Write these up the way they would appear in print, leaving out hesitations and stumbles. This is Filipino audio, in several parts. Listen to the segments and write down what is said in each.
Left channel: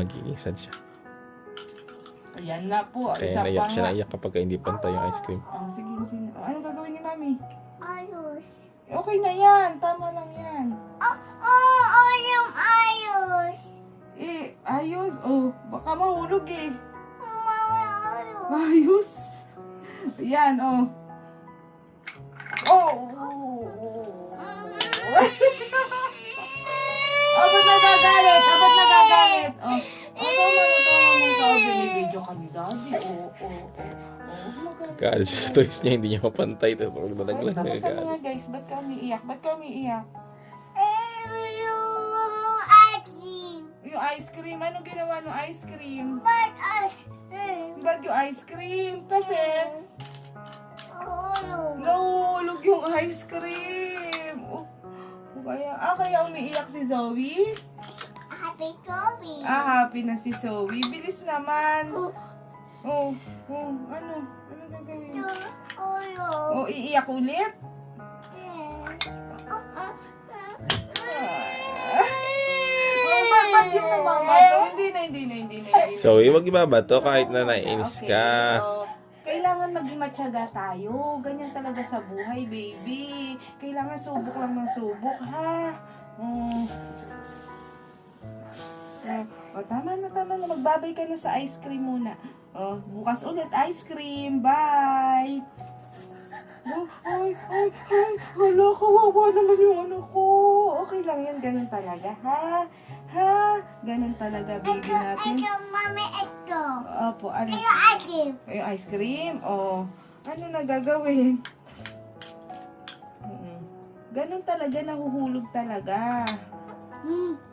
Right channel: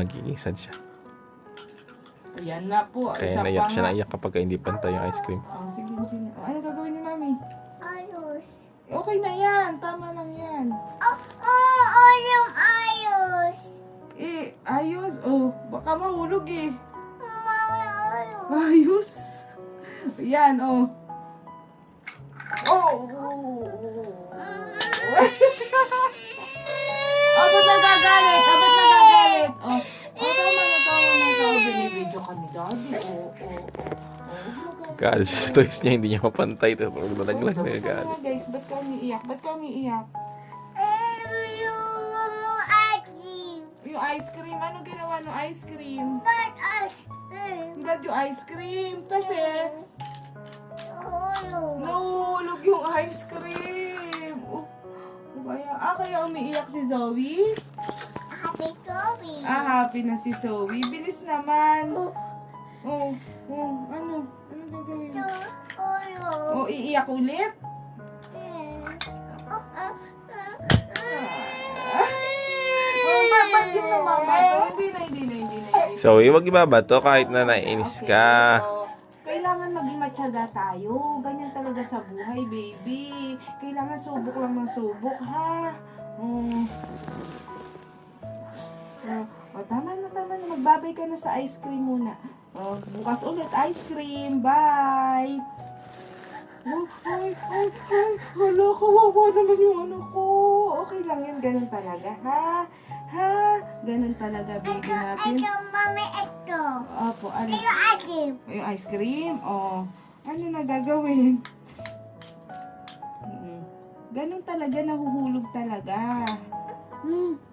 magiging sad siya. Ayan na po. Kaya Isa naiyak pa siya, nga. naiyak kapag hindi pantay yung ice cream. Oh, sige, sige. Oh, ano gagawin ni Mami? Ayos. Okay na yan. Tama lang yan. Yung ayos. Eh, ayos. Oh, baka mahulog eh. Mama, ayos. Ayos. Yan, oh. Oh! Oh, ba't nagagalit? Oh, ba't nagagalit? Oh, tama na. Binibidyo ka ni Daddy. Oh. Kaalis siya sa toys niya, hindi niya mapantay. Tapos huwag na naglag na Tapos kaalis. nga guys, ba't kami iyak? Ba't kami iyak? Yung asin. Yung ice cream, anong ginawa ng ice cream? But asin. Ba't yung ice cream? Kasi, Ayos. nahulog yung ice cream. Oh, kaya umiiyak si Zoe? Happy Toby. Happy na si Zoe. Bilis naman. Oh, ano? Ano gagawin? Oh, iiyak ulit? Oh, ba't yung namamatay? Hindi na. So, huwag ibabato kahit na naiinis ka. So, kailangan maging matyaga tayo. Ganyan talaga sa buhay, baby. Kailangan subok lang ng subok, ha? Tama na. Magbabay ka na sa ice cream muna. Bukas ulit, ice cream. Bye! Ay. Hala, kawawa naman yung anak ko. Okay lang yun. Ganun talaga, ha? Ganun talaga, baby natin. Mami, ito. Opo, ano? Yung asin. Yung ice cream? Ano na gagawin? Ganun talaga, nahuhulog talaga.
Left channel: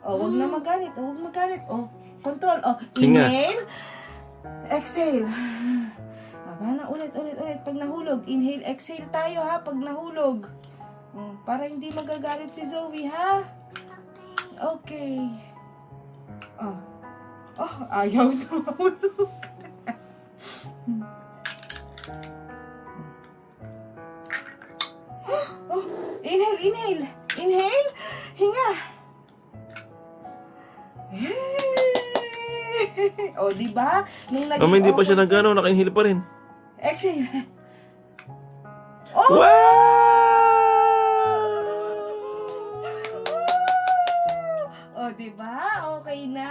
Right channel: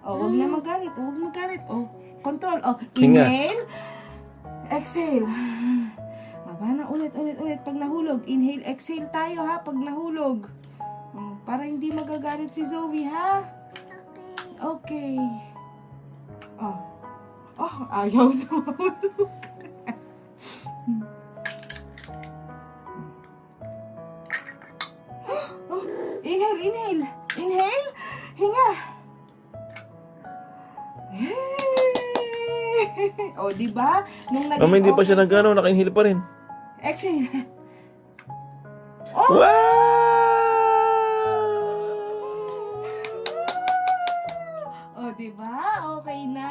Wag na magalit. Control. Hinga. Inhale. Exhale. Paano? Ulit. Pag nahulog, inhale, exhale tayo, ha? Pag nahulog. Para hindi magagalit si Zoe, ha? Okay. Ayaw na mahulog. Inhale. Hinga. Di ba? Nung naging Mama, hindi pa siya okay- nag-ano, naka-inhale pa rin. Exhale. Di ba? Okay na.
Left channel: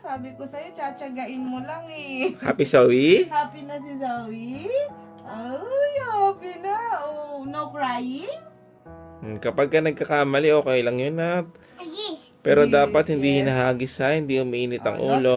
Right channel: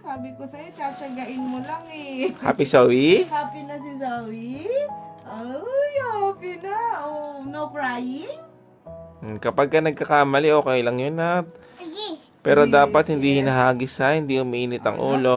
Sabi ko sa'yo, tsatsagain mo lang eh. Happy, Zoe? Happy na si Zoe? Ay, happy na. No crying? Kapag ka nagkakamali, okay lang yun, ha? Yes. Pero Yes, dapat hindi yes. hinahagis, ha? Hindi umiinit ang ulo.